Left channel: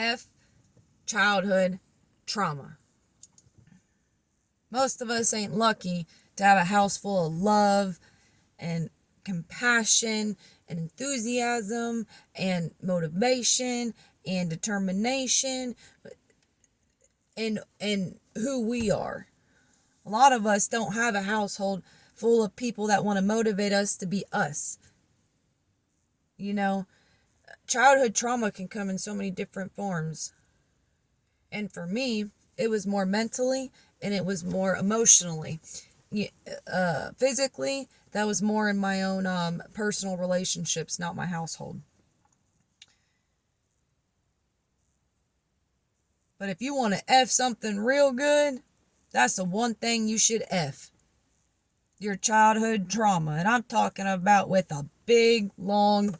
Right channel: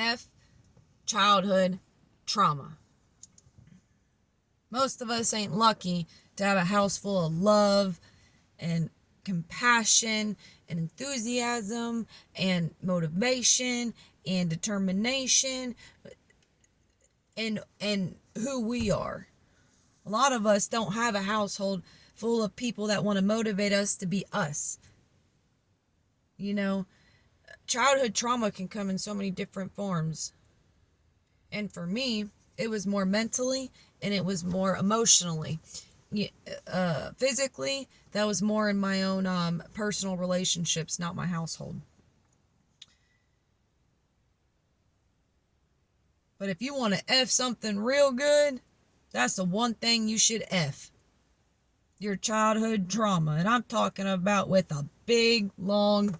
F childhood trauma. Most of us ain't lucky to have a house full of love and compassion and enthusiasm and motivation and determination and who we are. A lot of us don't have a household full of people that want to motivate us to be us. You know, childhood trauma can come in so many different forms. And for me, it was more mentally and it was more emotionally. Physically, that was more in my own personal relationships, not my household. But if you want to F something real good, that's the one thing you should F. Your childhood trauma. And I'm talking about with a big, long,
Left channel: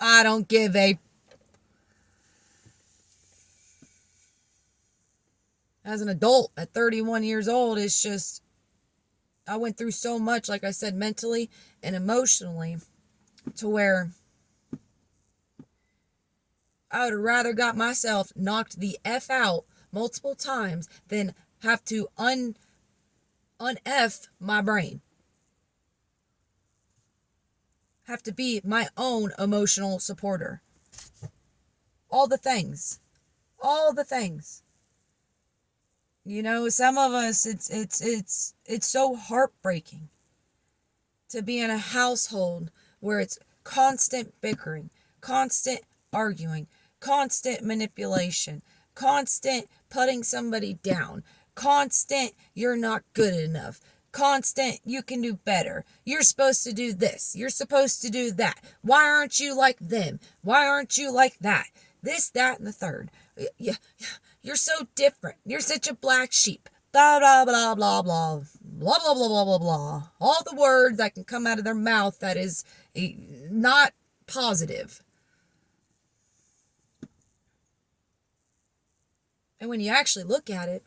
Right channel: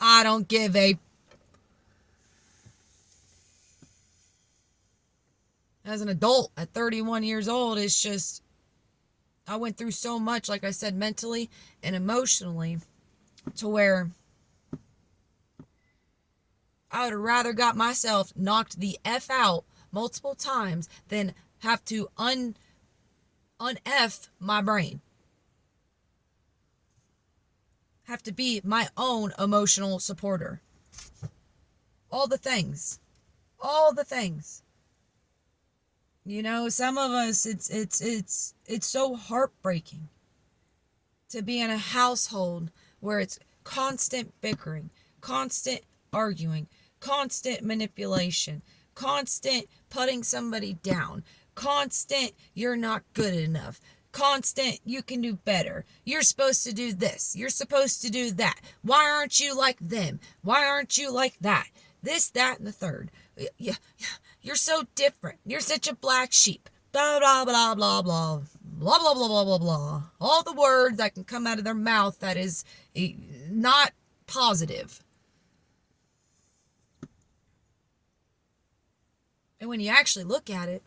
I don't give a. As an adult at 31 years old, it's just, I went through so much, like I said, mentally and emotionally, to where I would have rather got myself knocked the F out multiple times than have to un-F my brain. Have to be my own emotional supporter. All the things. All the things. You know, some of us, it's so heartbreaking to be in a household where it's constant bickering, constant arguing, constant manipulation, constant putting somebody down, constant you're not good enough, constant you can do better, you're supposed to do this, you're supposed to do that, why aren't you like them, why aren't you like that, this, that, and the third. You're so different, you're such a black sheep, blah, blah, blah, blah, blah, blah, blah, blah, blah, blah, blah. All the words that can come out of their mouth that is not positive. And when you actually look at it,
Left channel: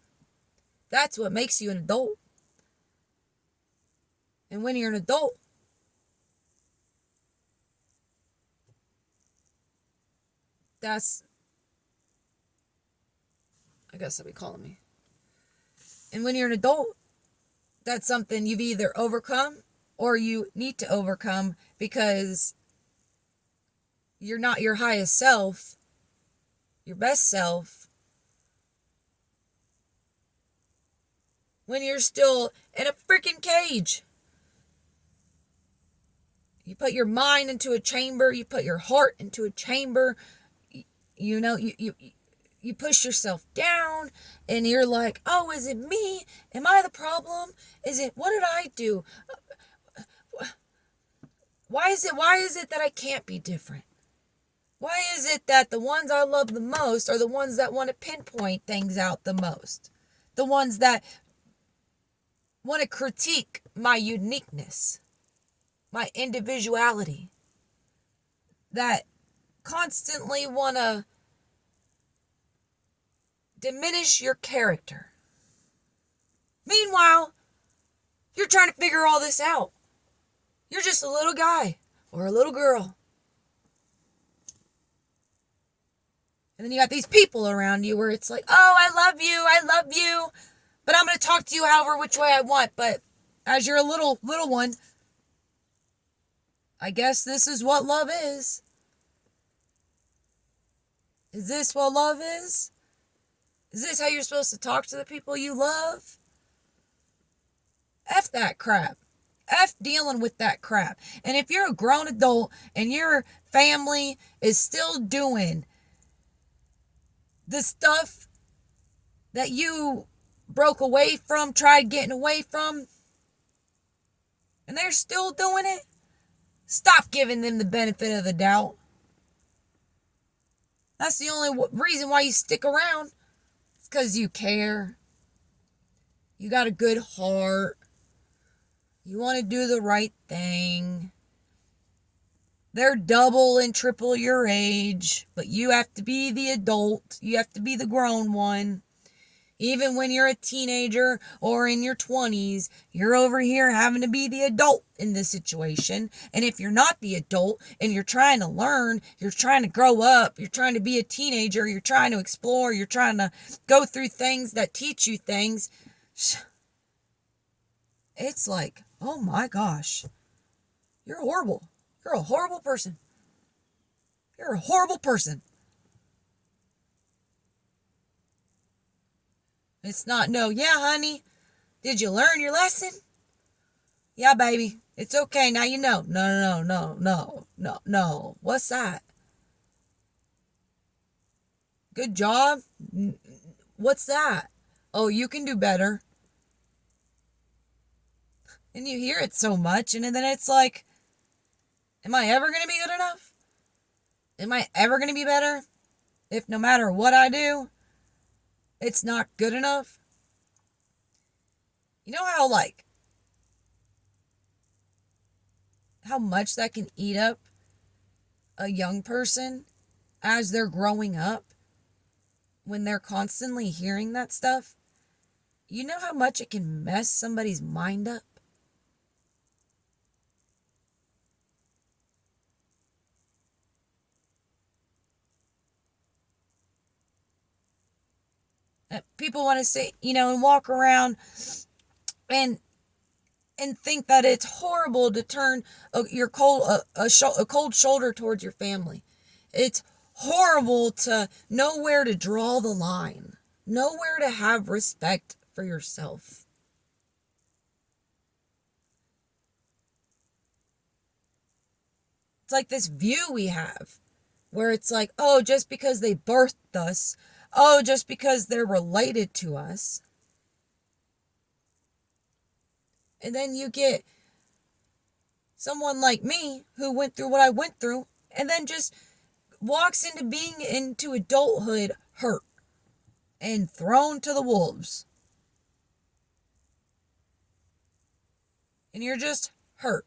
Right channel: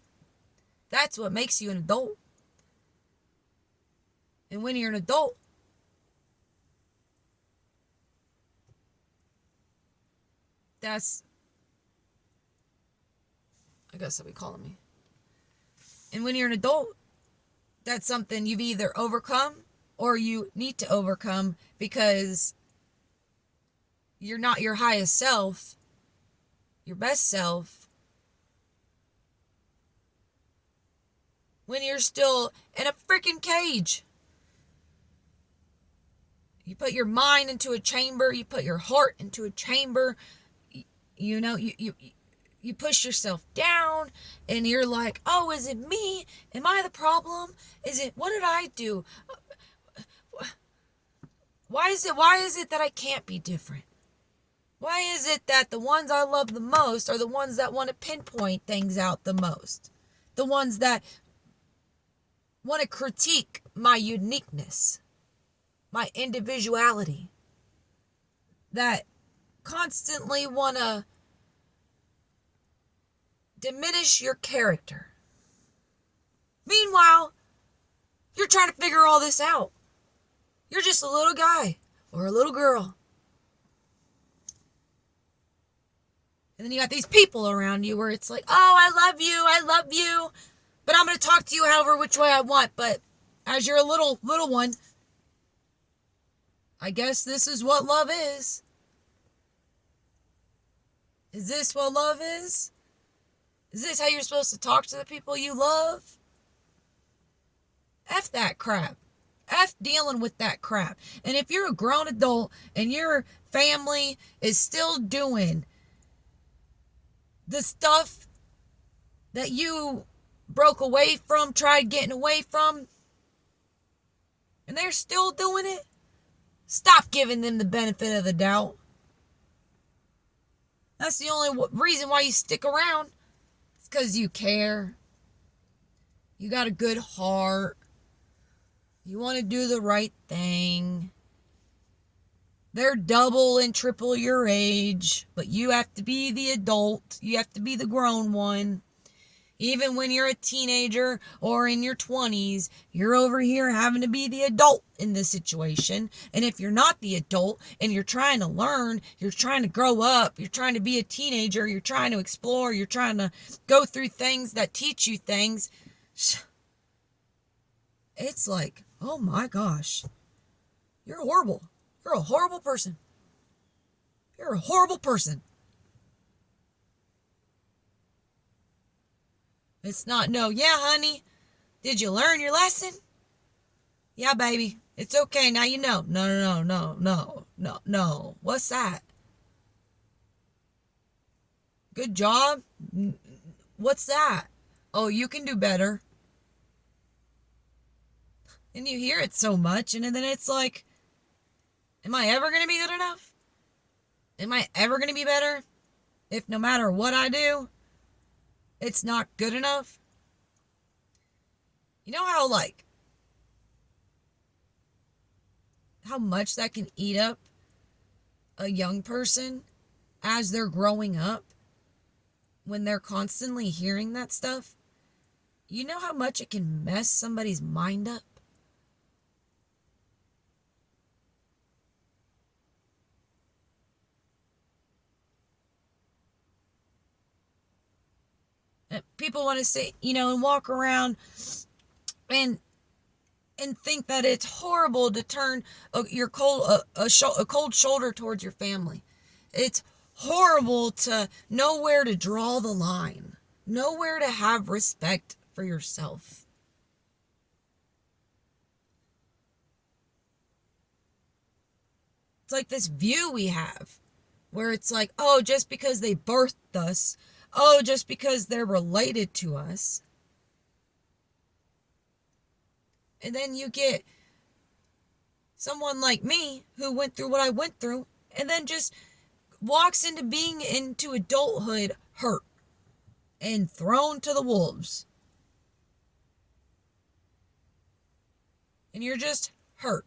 that's what makes you an adult. And when you're an adult, that's, I guess they'll be calling me. And when you're an adult, that's something you've either overcome or you need to overcome because you're not your highest self, your best self, when you're still in a freaking cage. You put your mind into a chamber, you put your heart into a chamber, you know, you push yourself down and you're like, oh, is it me? Am I the problem? What did I do? Why is it that I can't be different? Why is it that the ones I love the most are the ones that want to pinpoint things out the most? The ones that want to critique my uniqueness, my individuality, that constantly want to diminish your character. Meanwhile, you're trying to figure all this out. You're just a little guy or a little girl. And then you got these people around you where it's like, oh, I love you, but I'm going to talk to you however which way I want. But as you're a little one, I guess this is what love is. Is this what love is? Is this how you're supposed to talk to the people you love? F that crap. F dealing with that crap. And if you're a grown adult and your family is still doing the stuff that you broke away from, tried getting away from, and they're still doing it, stop giving them the benefit of the doubt. That's the only reason why you stick around. It's because you care. You got a good heart. You want to do the right thing. They're double and triple your age, but you have to be the adult. You have to be the grown one. Even when you're a teenager or in your 20s, you're over here having to be the adult in this situation. And if you're not the adult and you're trying to learn, you're trying to grow up, you're trying to be a teenager, you're trying to explore, you're trying to go through things that teach you things, it's like, oh my gosh, you're horrible. You're a horrible person. You're a horrible person. It's not, no, yeah, honey, did you learn your lesson? Yeah, baby, it's okay, now you know. No, no, no, no, no, no, no. What's that? Good job? What's that? Oh, you can do better. And you hear it so much, and then it's like, am I ever going to be good enough? Am I ever going to be better? If no matter what I do, it's not good enough? You know how much that can eat up a young person as they're growing up when they're constantly hearing that stuff? You know how much it can mess somebody's mind up? People want to say, and walk around and think that it's horrible to turn a cold shoulder towards your family. It's horrible to know where to draw the line, know where to have respect for yourself. It's like this view we have where it's like, oh, just because they birthed us, oh, just because they're related to us. And then you get someone like me who went through what I went through and then just walks into adulthood hurt and thrown to the wolves. And you're just hurt.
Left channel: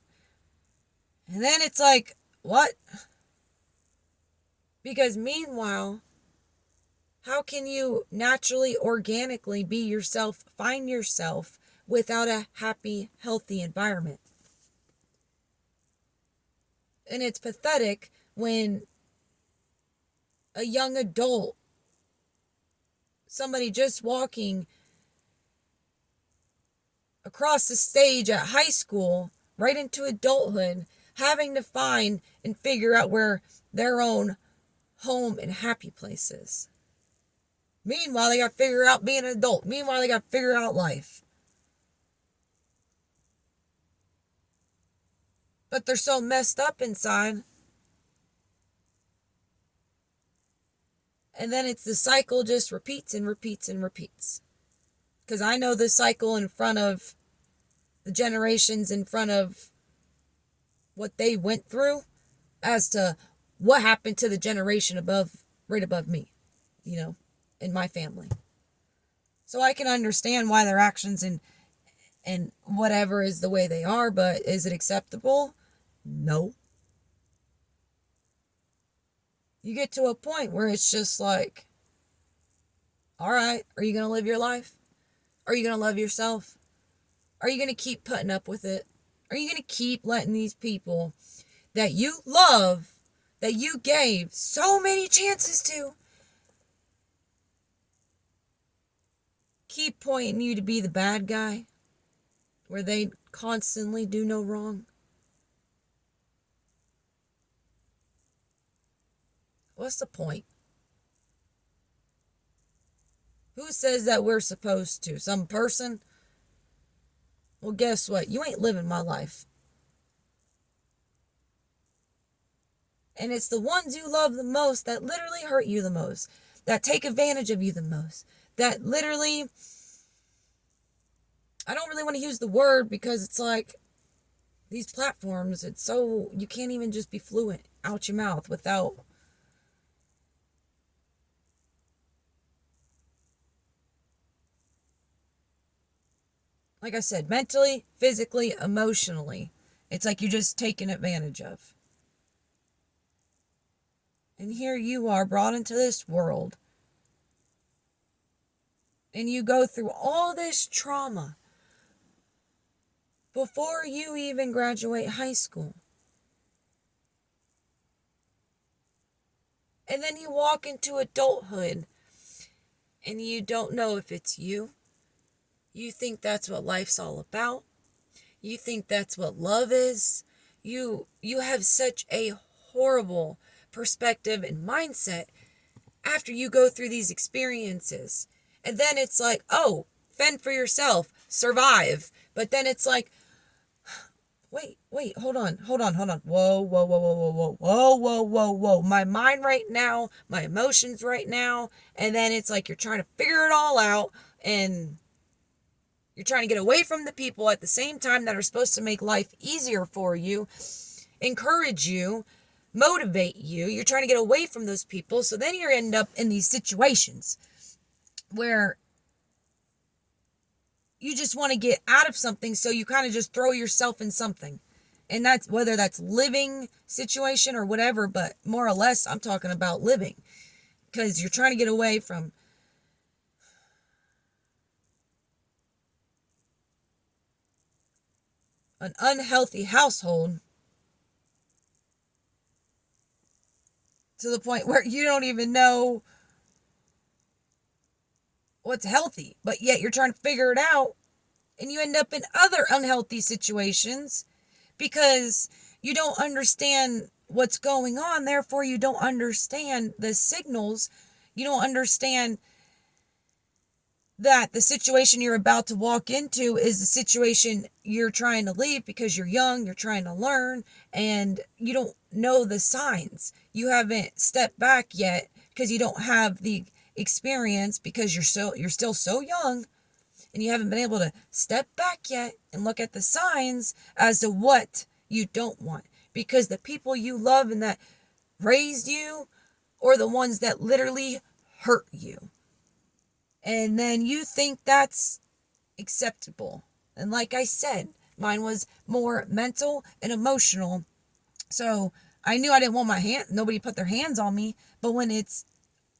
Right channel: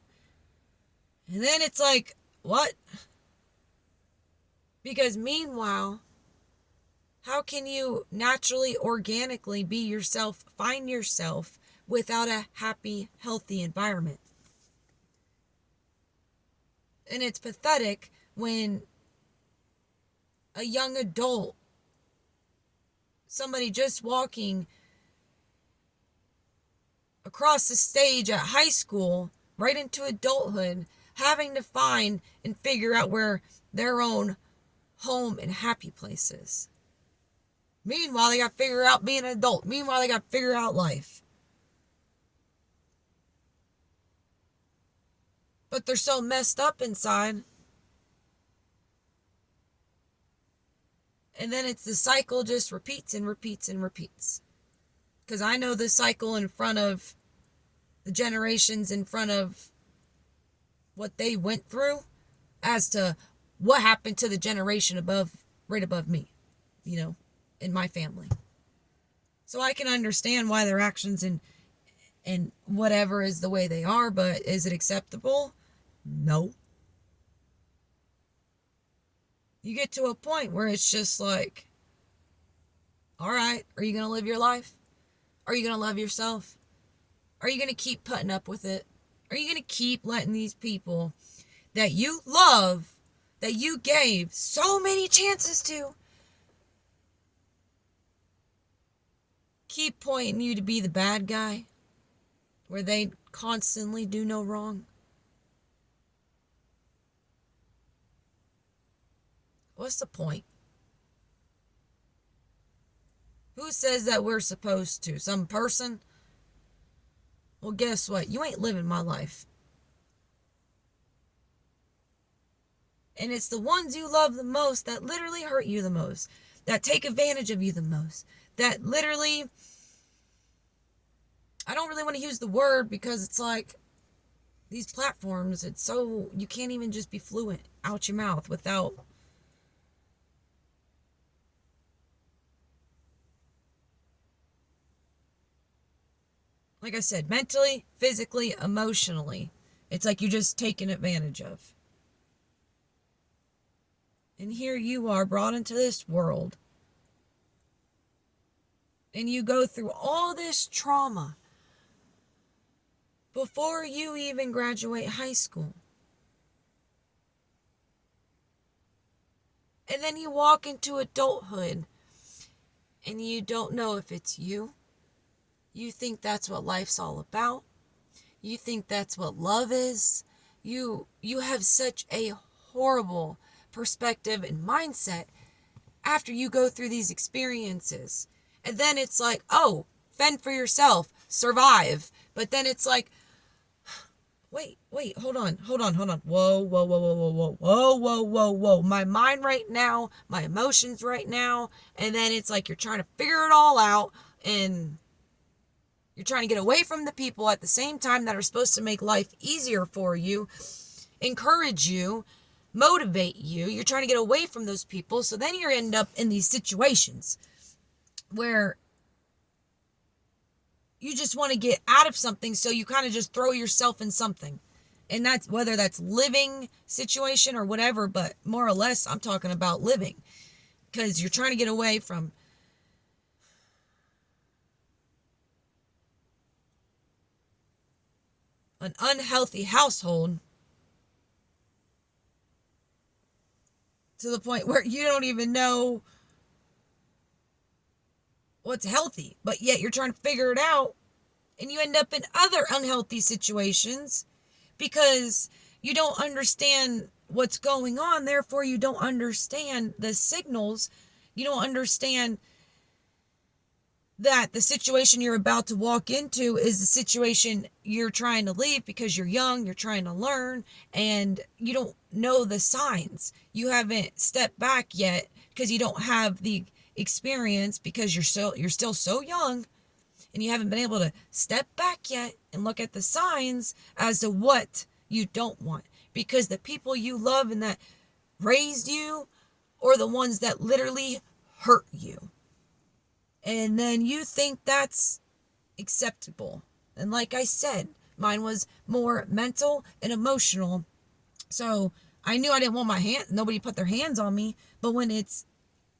And then it's like, what? Because meanwhile, how can you naturally, organically be yourself, find yourself without a happy, healthy environment? And it's pathetic when a young adult, somebody just walking across the stage at high school, right into adulthood, having to find and figure out where their own home and happy place is. Meanwhile, they got to figure out being an adult. Meanwhile, they got to figure out life. But they're so messed up inside. And then it's the cycle just repeats and repeats and repeats. Because I know the cycle in front of the generations in front of what they went through as to what happened to the generation right above me, in my family. So I can understand why their actions and whatever is the way they are, but is it acceptable? No. You get to a point where it's just like, all right, are you going to live your life? Are you going to love yourself? Are you going to keep putting up with it? Are you going to keep letting these people that you love, that you gave so many chances to, keep pointing you to be the bad guy where they constantly do no wrong? What's the point? Who says that we're supposed to? Some person? Well, guess what? You ain't living my life. And it's the ones you love the most that literally hurt you the most, that take advantage of you the most, that literally, I don't really want to use the word because it's like these platforms, it's so, you can't even just be fluent out your mouth without, like I said, mentally, physically, emotionally. It's like you're just taken advantage of. And here you are brought into this world and you go through all this trauma before you even graduate high school. And then you walk into adulthood and you don't know if it's you. You think that's what life's all about. You think that's what love is. You have such a horrible perspective and mindset after you go through these experiences. And then it's like, oh, fend for yourself, survive. But then it's like, wait, hold on. Whoa. My mind right now, my emotions right now. And then it's like you're trying to figure it all out, and you're trying to get away from the people at the same time that are supposed to make life easier for you, encourage you, motivate you. You're trying to get away from those people. So then you end up in these situations where you just want to get out of something, so you kind of just throw yourself in something. And that's whether that's living situation or whatever, but more or less I'm talking about living, because you're trying to get away from an unhealthy household to the point where you don't even know what's healthy, but yet you're trying to figure it out, and you end up in other unhealthy situations because you don't understand what's going on. Therefore, you don't understand the signals. You don't understand that the situation you're about to walk into is the situation you're trying to leave because you're young, you're trying to learn, and you don't know the signs. You haven't stepped back yet because you don't have the experience, because you're still so young, and you haven't been able to step back yet and look at the signs as to what you don't want, because the people you love and that raised you are the ones that literally hurt you. And then you think that's acceptable. And like I said, mine was more mental and emotional. So I knew I didn't want nobody put their hands on me. But when it's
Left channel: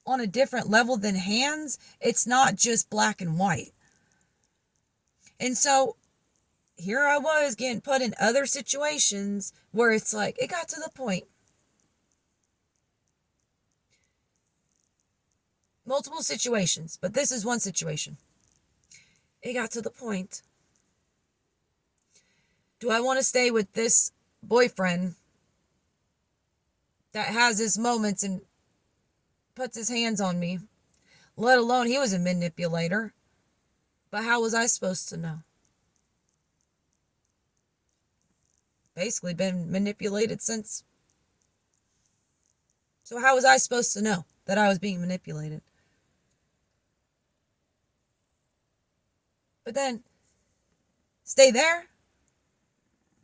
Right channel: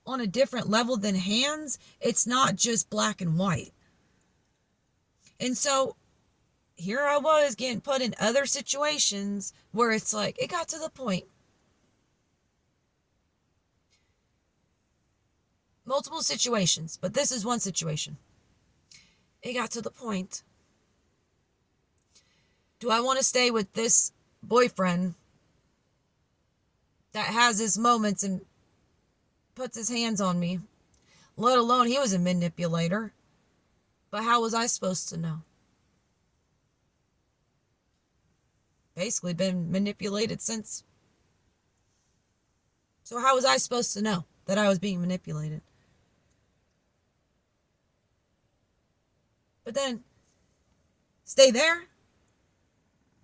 on a different level than hands, it's not just black and white. And so here I was getting put in other situations where it's like, it got to the point. Multiple situations, but this is one situation. It got to the point. Do I want to stay with this boyfriend that has his moments and puts his hands on me? Let alone he was a manipulator. But how was I supposed to know? Basically been manipulated since. So how was I supposed to know that I was being manipulated? But then, stay there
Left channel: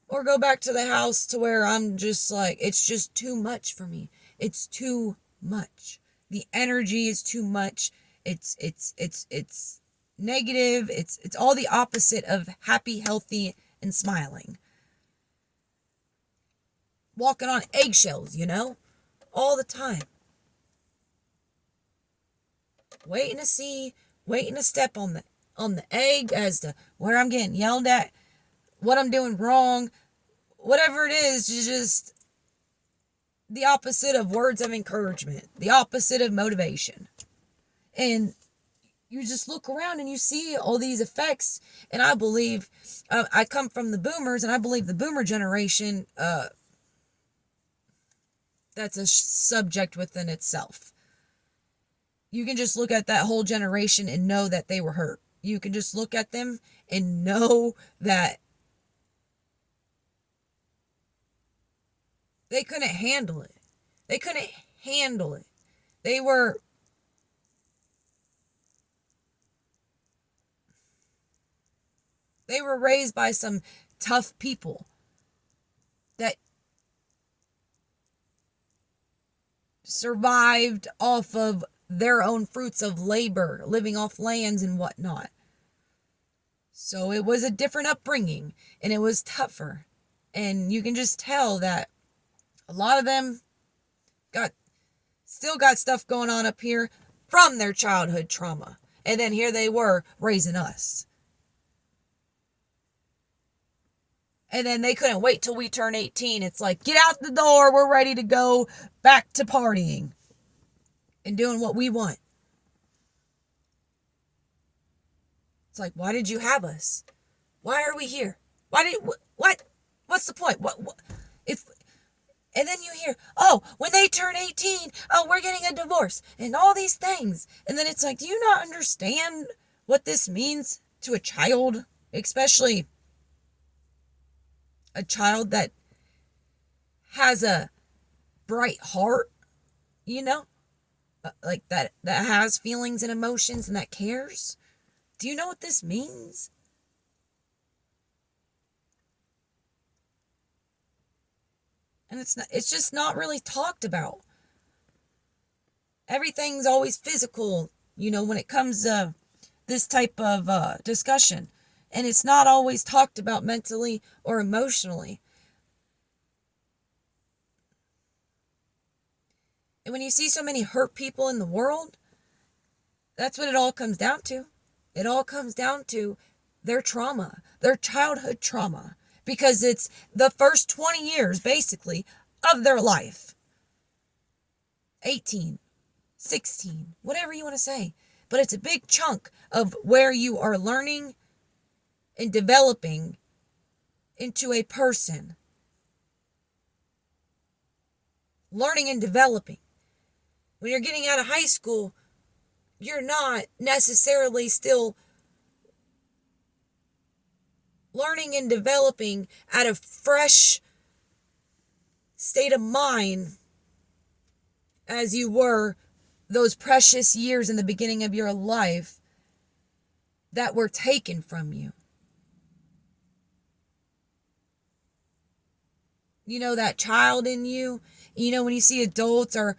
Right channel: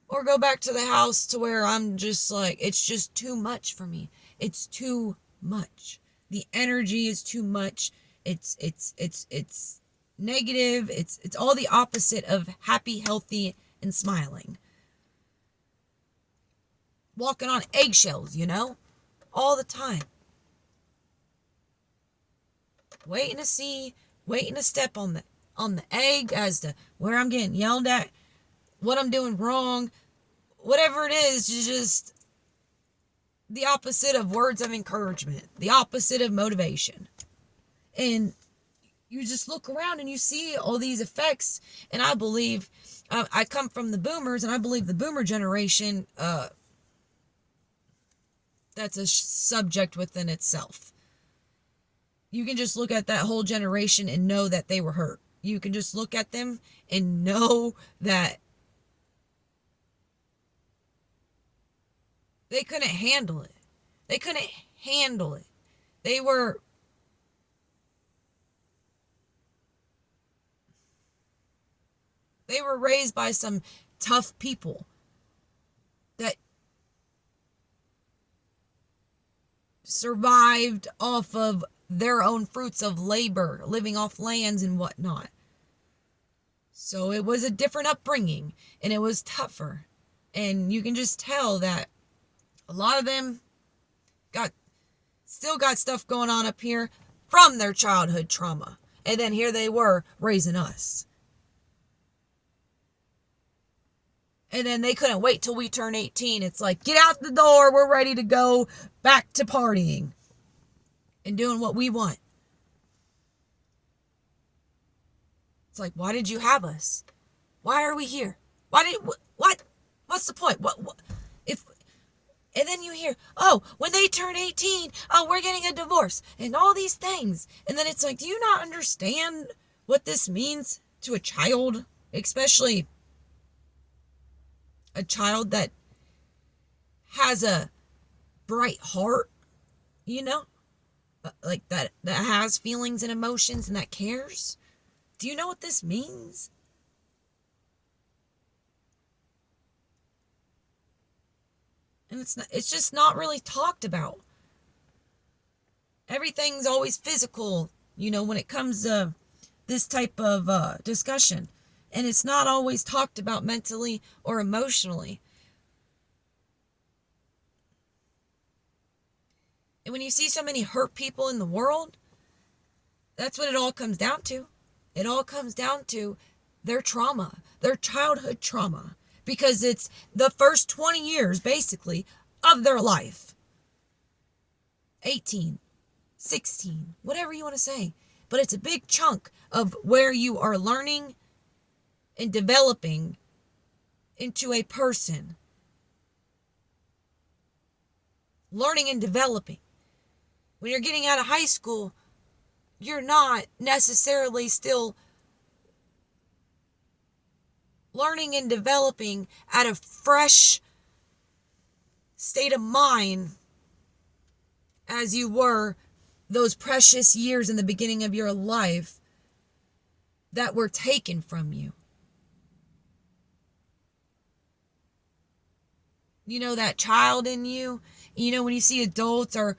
or go back to the house to where I'm just like, it's just too much for me. It's too much. The energy is too much. It's negative. It's all the opposite of happy, healthy, and smiling. Walking on eggshells, all the time. Waiting to step on the egg as to where I'm getting yelled at, what I'm doing wrong, whatever it is, just the opposite of words of encouragement, the opposite of motivation. And you just look around and you see all these effects. And I believe, I come from the boomers, and I believe the boomer generation, that's a subject within itself. You can just look at that whole generation and know that they were hurt. You can just look at them and know that they couldn't handle it. They couldn't handle it. They were raised by some tough people that survived off of their own fruits of labor, living off lands and whatnot. So it was a different upbringing, and it was tougher. And you can just tell that a lot of them still got stuff going on up here from their childhood trauma. And then here they were raising us. And then they couldn't wait till we turn 18. It's like, get out the door. We're ready to go back to partying and doing what we want. It's like, why did you have us? Why are we here? What? What's the point? What if, and then you hear, oh, when they turn 18, oh, we're getting a divorce and all these things. And then it's like, do you not understand what this means to a child? Especially a child that has a bright heart, like that has feelings and emotions and that cares. Do you know what this means? And it's just not really talked about. Everything's always physical, when it comes to this type of discussion. And it's not always talked about mentally or emotionally. And when you see so many hurt people in the world, that's what it all comes down to. It all comes down to their trauma, their childhood trauma, because it's the first 20 years, basically, of their life. 18, 16, whatever you want to say. But it's a big chunk of where you are learning and developing into a person. Learning and developing. When you're getting out of high school, you're not necessarily still learning and developing at a fresh state of mind as you were those precious years in the beginning of your life that were taken from you. That child in you, when you see adults or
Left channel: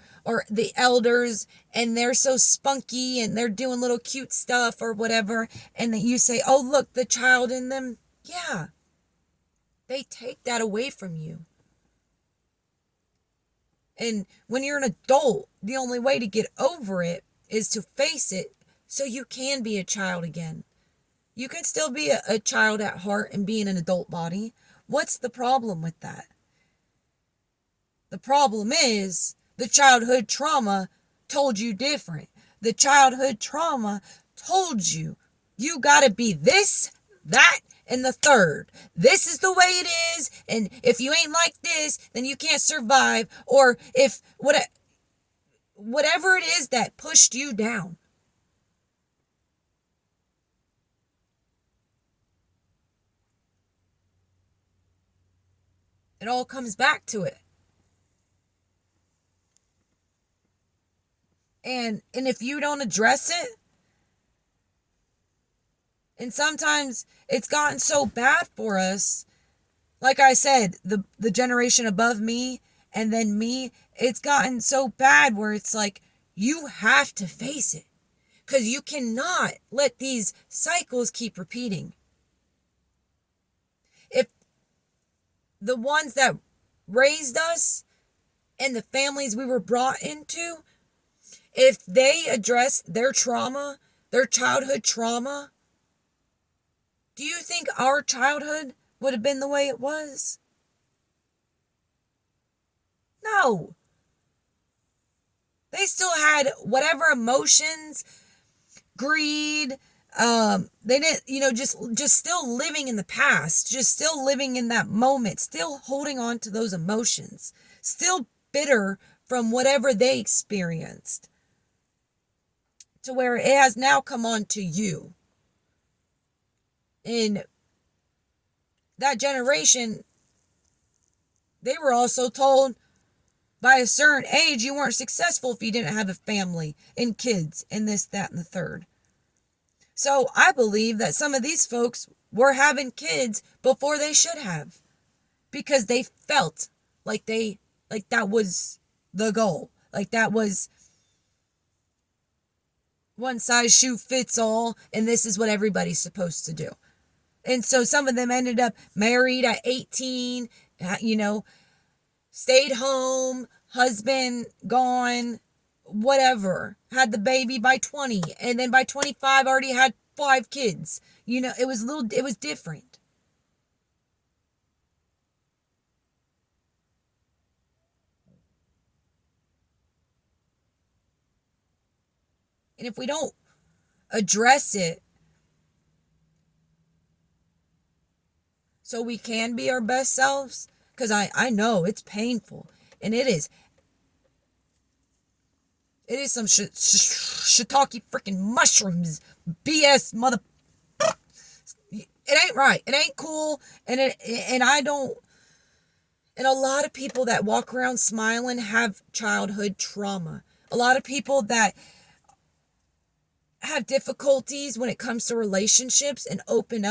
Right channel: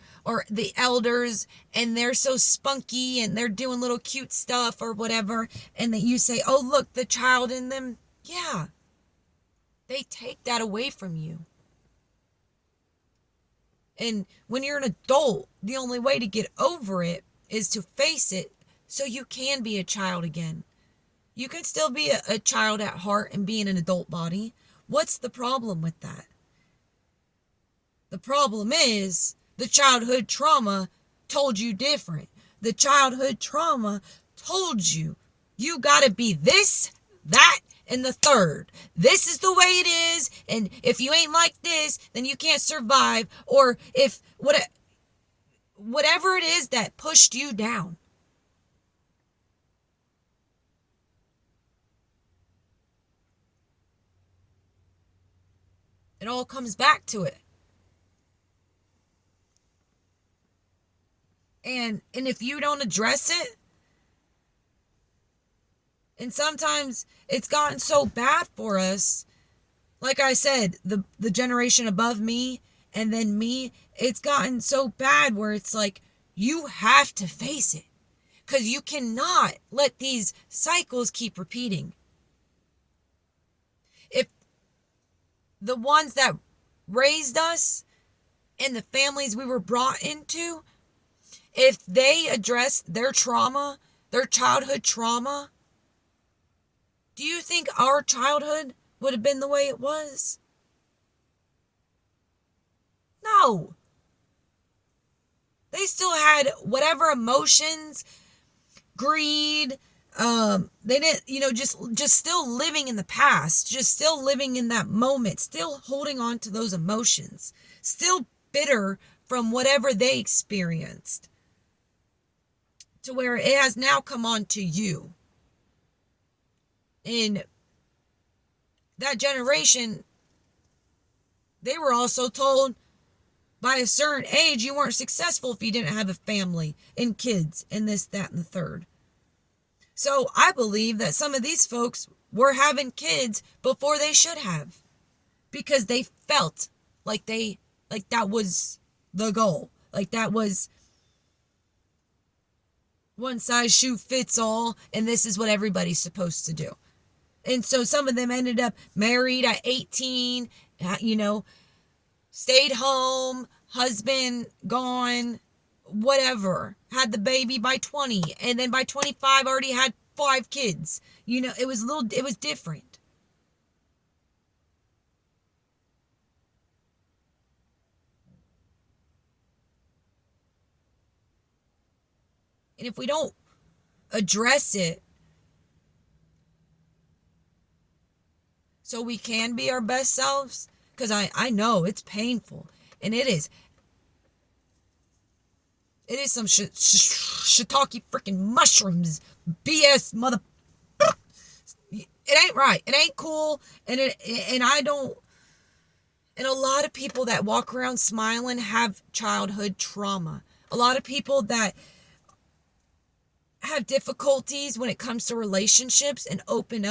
the elders and they're so spunky and they're doing little cute stuff or whatever, and that you say, oh, look, the child in them. Yeah. They take that away from you. And when you're an adult, the only way to get over it is to face it so you can be a child again. You can still be a child at heart and be in an adult body. What's the problem with that? The problem is the childhood trauma told you different. The childhood trauma told you got to be this, that, and the third. This is the way it is, and if you ain't like this, then you can't survive. Or if whatever it is that pushed you down. It all comes back to it. And if you don't address it, and sometimes it's gotten so bad for us, like I said, the generation above me and then me, it's gotten so bad where it's like, you have to face it. Because you cannot let these cycles keep repeating. If the ones that raised us and the families we were brought into, if they address their trauma, their childhood trauma, do you think our childhood would have been the way it was? No. They still had whatever emotions, greed, they didn't, just still living in the past, just still living in that moment, still holding on to those emotions, still bitter from whatever they experienced, to where it has now come on to you. In that generation, they were also told by a certain age you weren't successful if you didn't have a family and kids and this, that, and the third. So I believe that some of these folks were having kids before they should have, because they felt like that was the goal. Like that was one size shoe fits all, and this is what everybody's supposed to do. And so some of them ended up married at 18, stayed home, husband gone, whatever, had the baby by 20, and then by 25 already had 5 kids. It was different. And if we don't address it so we can be our best selves, because I know it's painful, and it is some shiitake freaking mushrooms BS mother. It ain't right. It ain't cool. And I don't. And a lot of people that walk around smiling have childhood trauma. A lot of people that have difficulties when it comes to relationships and opening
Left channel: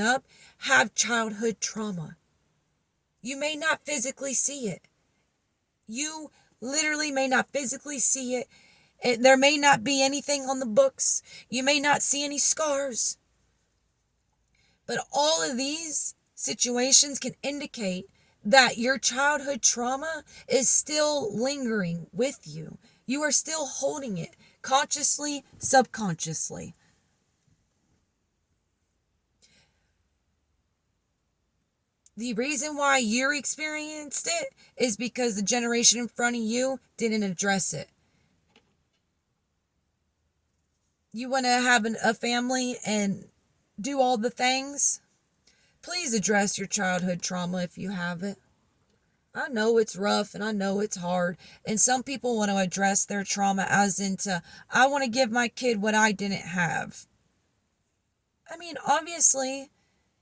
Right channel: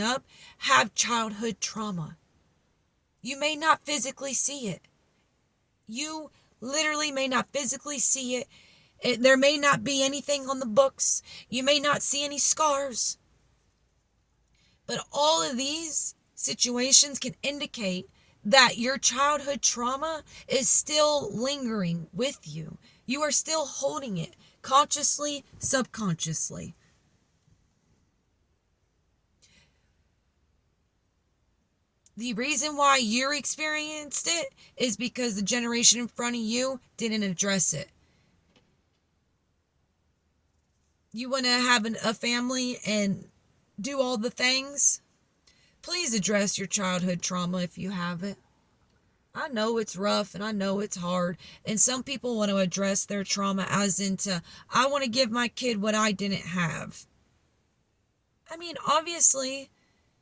up, have childhood trauma. You may not physically see it. You literally may not physically see it. There may not be anything on the books. You may not see any scars. But all of these situations can indicate that your childhood trauma is still lingering with you. You are still holding it, consciously, subconsciously. The reason why you experienced it is because the generation in front of you didn't address it. You want to have a family and do all the things? Please address your childhood trauma if you have it. I know it's rough and I know it's hard. And some people want to address their trauma as into, I want to give my kid what I didn't have. I mean, obviously,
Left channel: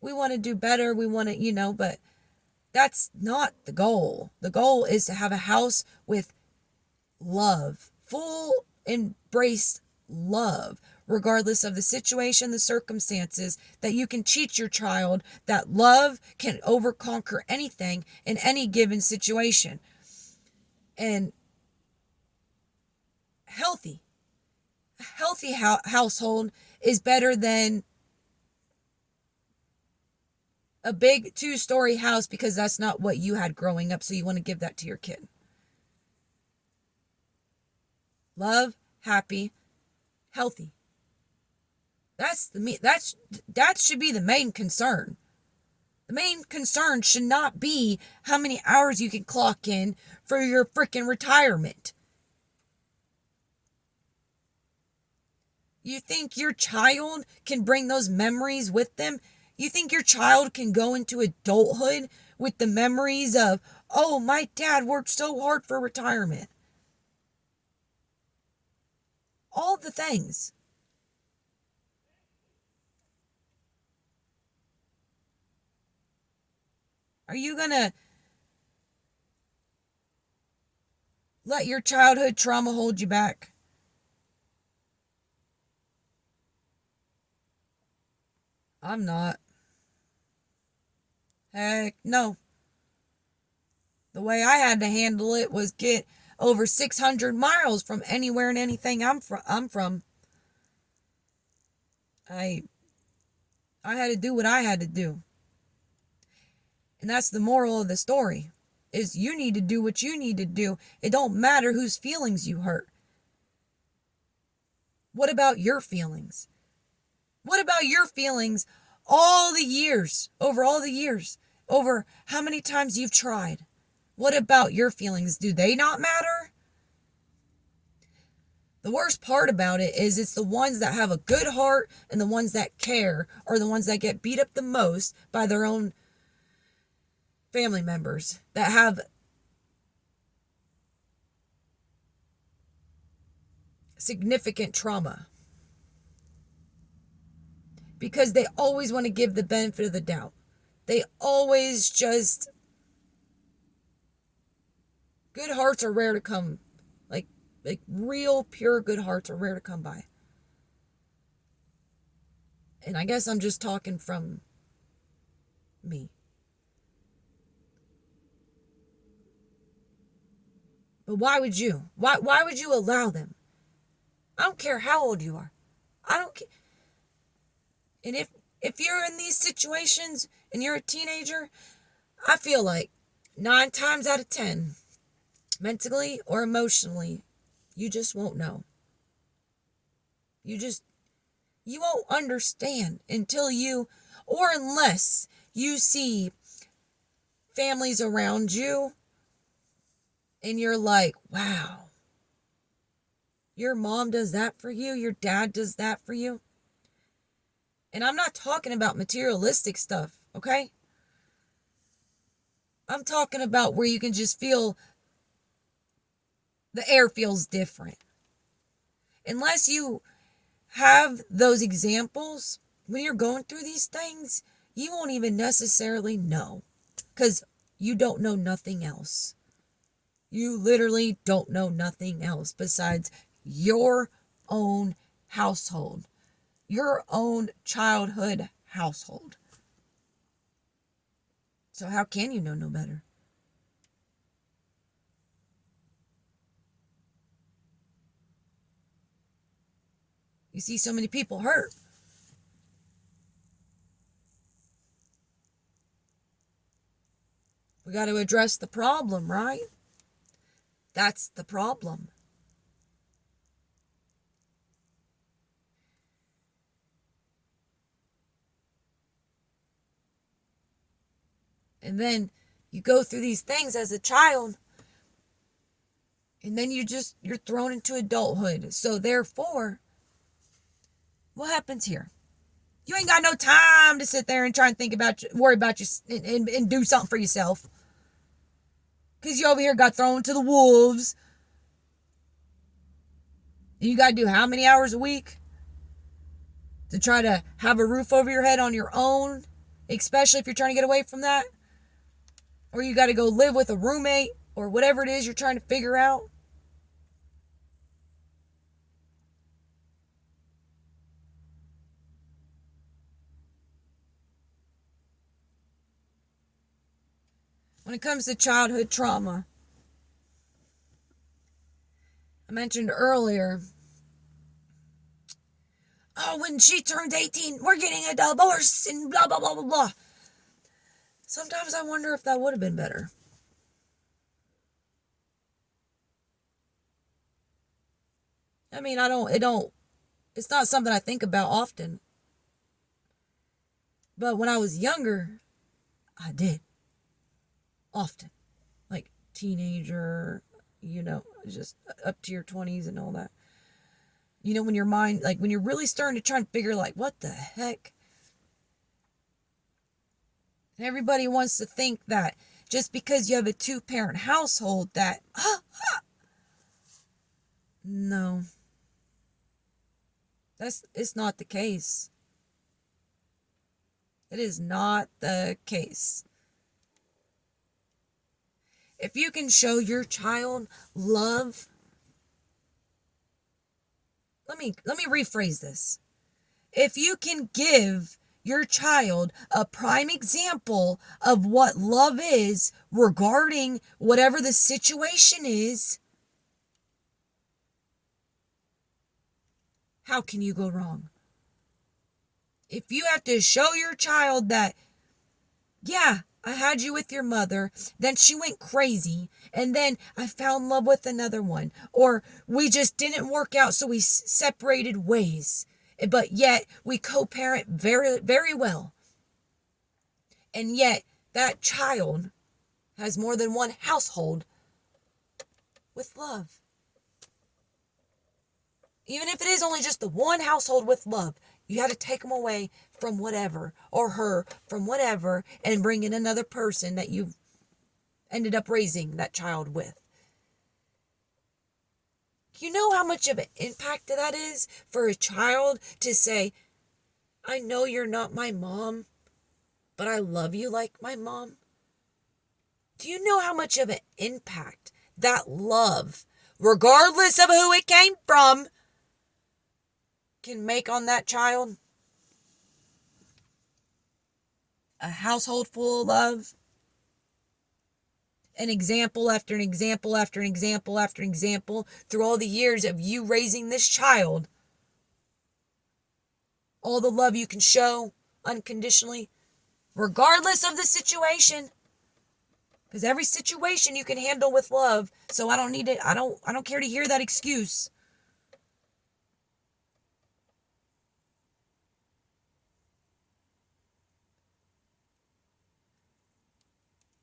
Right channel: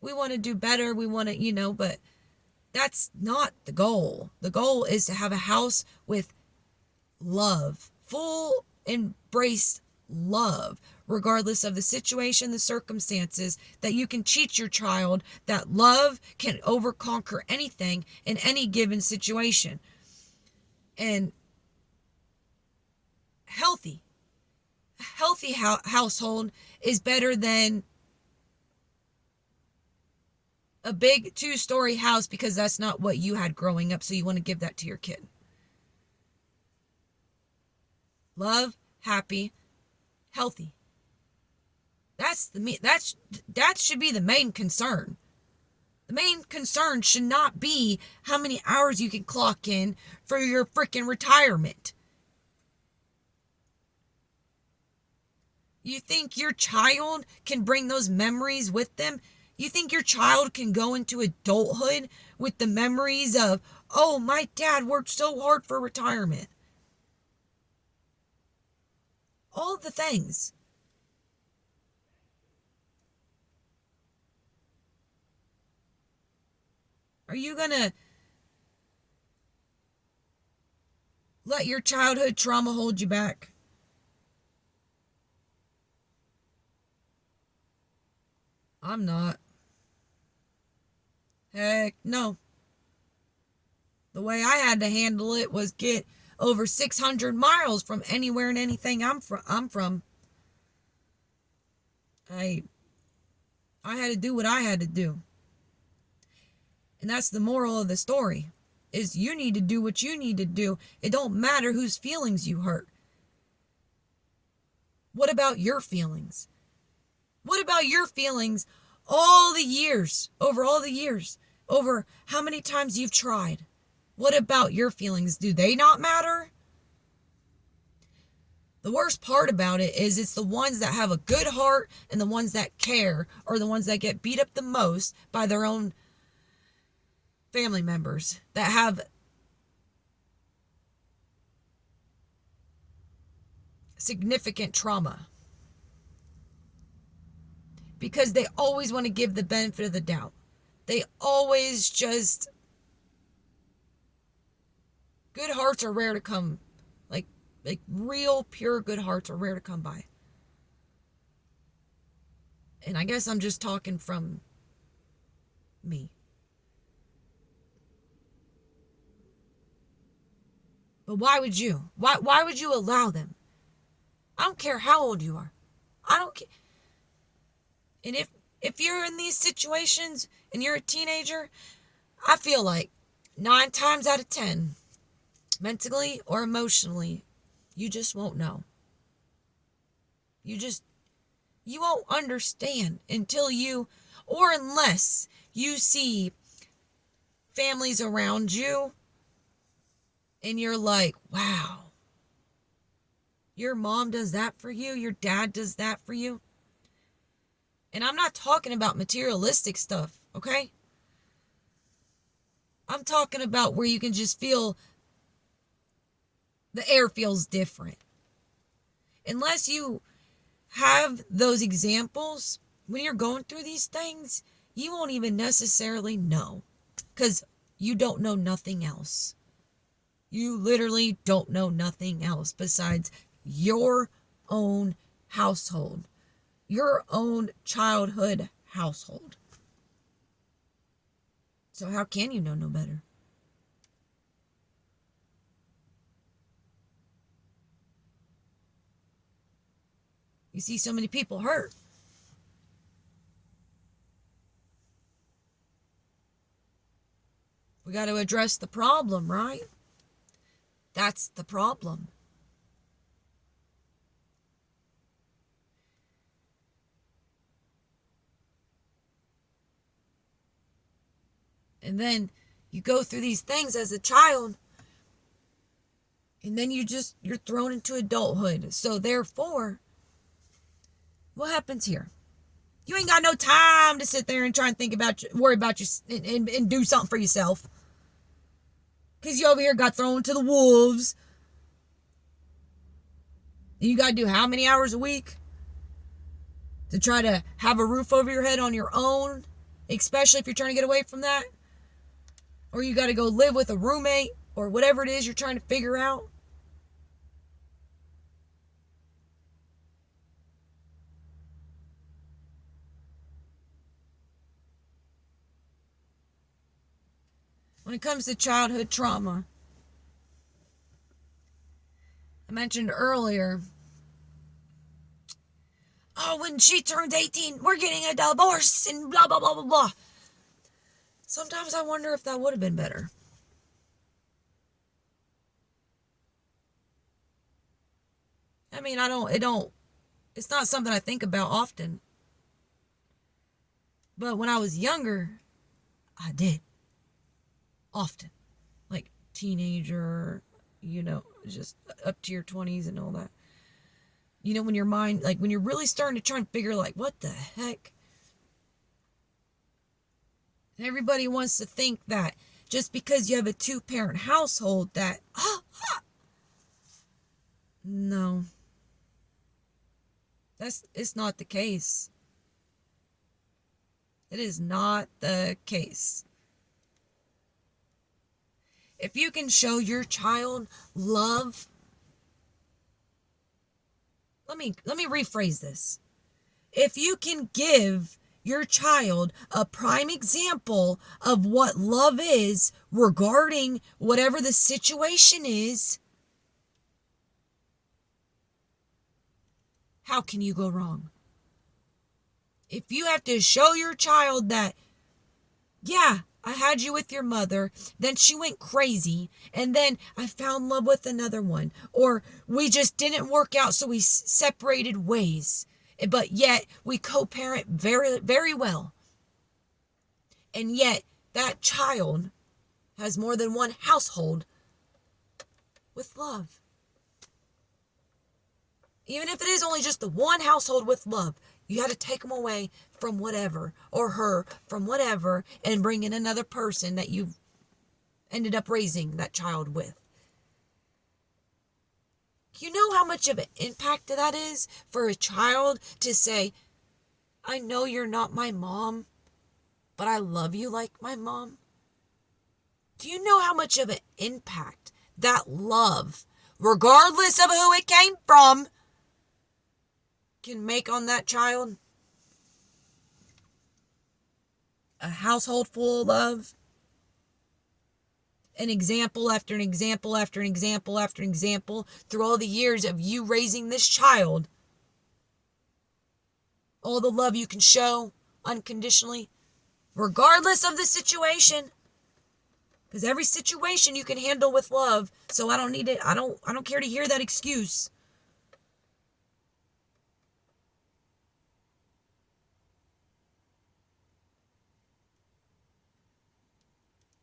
we want to do better. We want to, but that's not the goal. The goal is to have a house with love, full embraced love, regardless of the situation, the circumstances, that you can teach your child that love can overconquer anything in any given situation. And a healthy household is better than a big 2-story house, because that's not what you had growing up, so you want to give that to your kid. Love, happy, healthy. That should be the main concern. The main concern should not be how many hours you can clock in for your freaking retirement. You think your child can bring those memories with them? You think your child can go into adulthood with the memories of, oh, my dad worked so hard for retirement? All the things. Are you going to let your childhood trauma hold you back? I'm not. Heck no. The way I had to handle it was get over 600 miles from anywhere and anything I'm from. I had to do what I had to do. And that's the moral of the story, is you need to do what you need to do. It don't matter whose feelings you hurt. What about your feelings? What about your feelings all the years, over how many times you've tried? What about your feelings? Do they not matter? The worst part about it is it's the ones that have a good heart and the ones that care are the ones that get beat up the most by their own family members that have significant trauma. Because they always want to give the benefit of the doubt. They always just... Good hearts are rare to come. Like real, pure good hearts are rare to come by. And I guess I'm just talking from me. But why would you? Why would you allow them? I don't care how old you are. I don't care. And if you're in these situations and you're a teenager, I feel like 9 times out of 10, mentally or emotionally, You just won't know. You won't understand unless you see families around you and you're like, wow, your mom does that for you, your dad does that for you. And I'm not talking about materialistic stuff, okay? I'm talking about where you can just feel the air feels different. Unless you have those examples, when you're going through these things, you won't even necessarily know, because you don't know nothing else. You literally don't know nothing else besides your own household, your own childhood household. So how can you know no better? You see so many people hurt. We got to address the problem, right? That's the problem. And then you go through these things as a child, and then you're thrown into adulthood. So therefore, what happens here? You ain't got no time to sit there and try and worry about you and do something for yourself. Because you over here got thrown to the wolves. And you got to do how many hours a week to try to have a roof over your head on your own, especially if you're trying to get away from that? Or you got to go live with a roommate or whatever it is you're trying to figure out. When it comes to childhood trauma, I mentioned earlier, oh, when she turns 18, we're getting a divorce and blah, blah, blah, blah, blah. Sometimes I wonder if that would have been better. I mean, it's not something I think about often. But when I was younger, I did. Often. Like teenager, just up to your 20s and all that. When your mind, like when you're really starting to try and figure, like, what the heck? And everybody wants to think that just because you have a 2-parent household that, no. It's not the case. It is not the case. If you can show your child love, let me rephrase this. If you can give your child a prime example of what love is regarding whatever the situation is, how can you go wrong? If you have to show your child that, yeah, I had you with your mother, then she went crazy, and then I found love with another one, or we just didn't work out, so we separated ways, but yet we co-parent very, very well. And yet that child has more than one household with love. Even if it is only just the one household with love, you had to take them away from whatever, or her from whatever, and bring in another person that you ended up raising that child with. You know how much of an impact that is for a child to say, I know you're not my mom, but I love you like my mom? Do you know how much of an impact that love, regardless of who it came from, can make on that child? A household full of love. An example after an example after an example after an example through all the years of you raising this child. All the love you can show unconditionally, regardless of the situation. Because every situation you can handle with love. So I don't need it. I don't care to hear that excuse.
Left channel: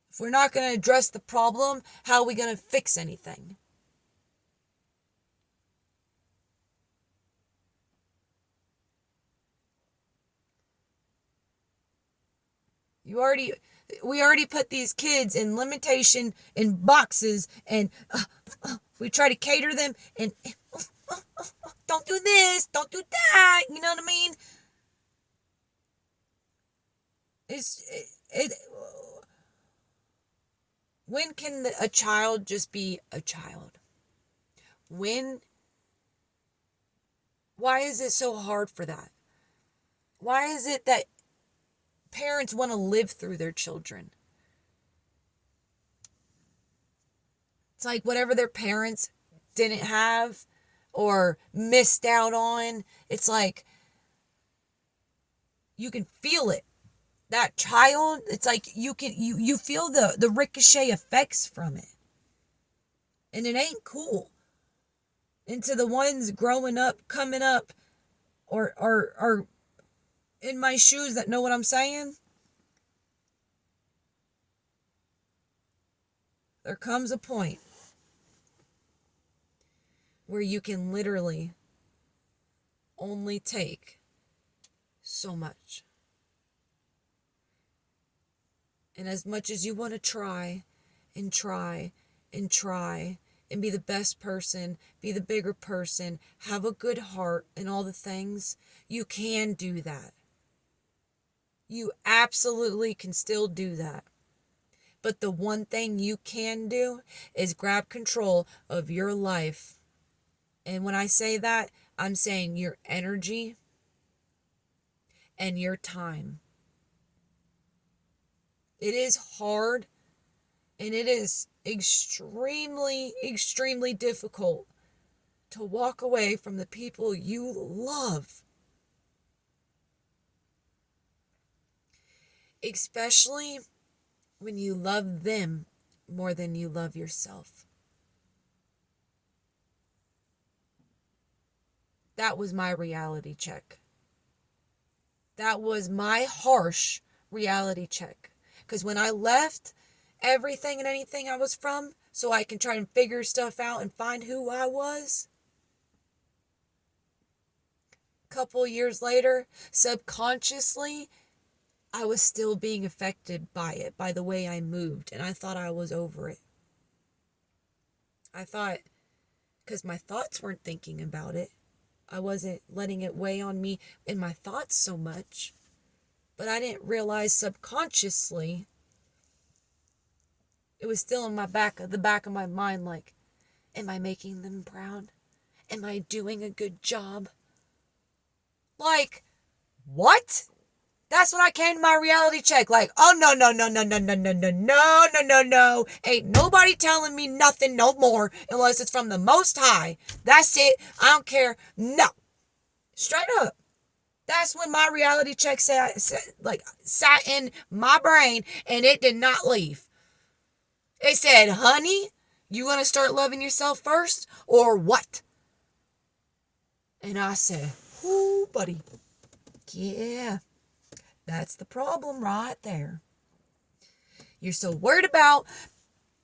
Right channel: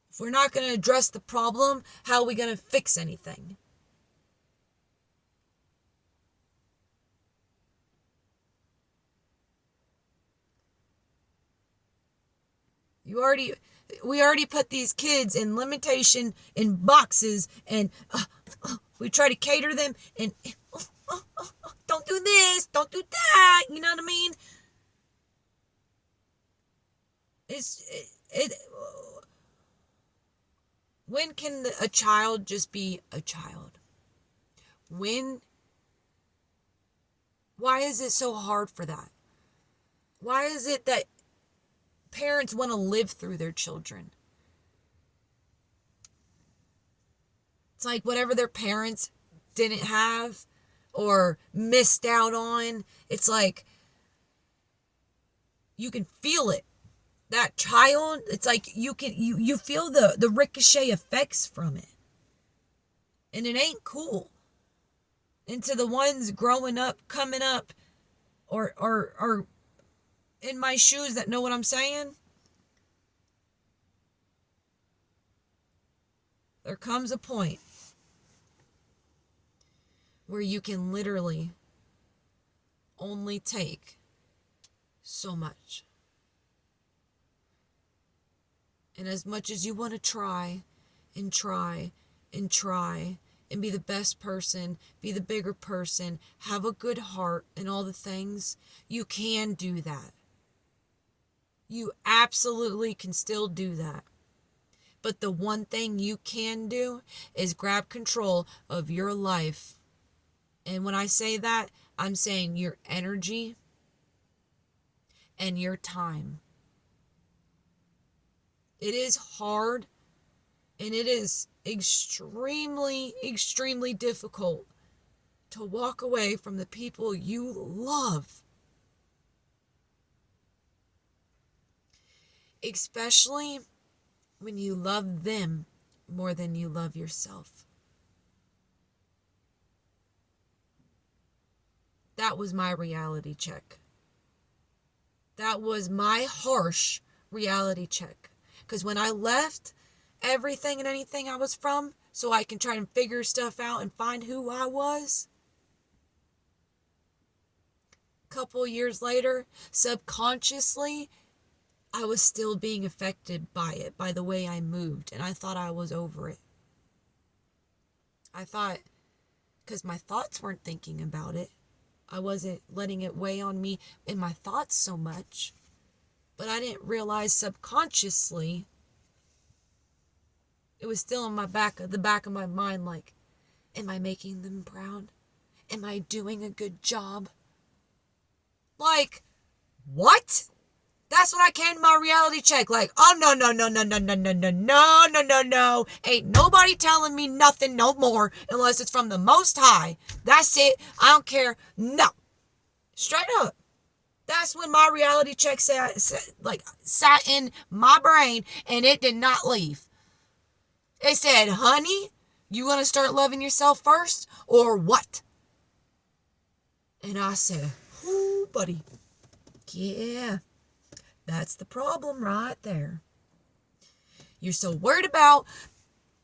If we're not going to address the problem, how are we going to fix anything? We already put these kids in limitation in boxes, and we try to cater them, and don't do this, don't do that. You know what I mean? It. When can a child just be a child? When? Why is it so hard for that? Why is it that parents want to live through their children? It's like whatever their parents didn't have or missed out on, it's like you can feel it. That child, it's like you feel the ricochet effects from it. And it ain't cool. And to the ones growing up, coming up, or in my shoes that know what I'm saying, there comes a point where you can literally only take so much. And as much as you want to try and try and try and be the best person, be the bigger person, have a good heart and all the things, you can do that. You absolutely can still do that. But the one thing you can do is grab control of your life. And when I say that, I'm saying your energy and your time. It is hard, and it is extremely, extremely difficult to walk away from the people you love. Especially when you love them more than you love yourself. That was my reality check. That was my harsh reality check. Because when I left everything and anything I was from, so I can try and figure stuff out and find who I was, a couple years later, subconsciously, I was still being affected by it, by the way I moved, and I thought I was over it. I thought, because my thoughts weren't thinking about it, I wasn't letting it weigh on me in my thoughts so much, but I didn't realize subconsciously it was still in the back of my mind, like, am I making them proud? Am I doing a good job? Like, what? That's when I came to my reality check. Like, oh, no, no, no, no, no, no, no, no, no, no, no, no. Ain't nobody telling me nothing no more unless it's from the Most High. That's it. I don't care. No. Straight up. That's when my reality check sat in my brain, and it did not leave. It said, honey, you going to start loving yourself first or what? And I said, ooh, buddy. Yeah. That's the problem right there. You're so worried about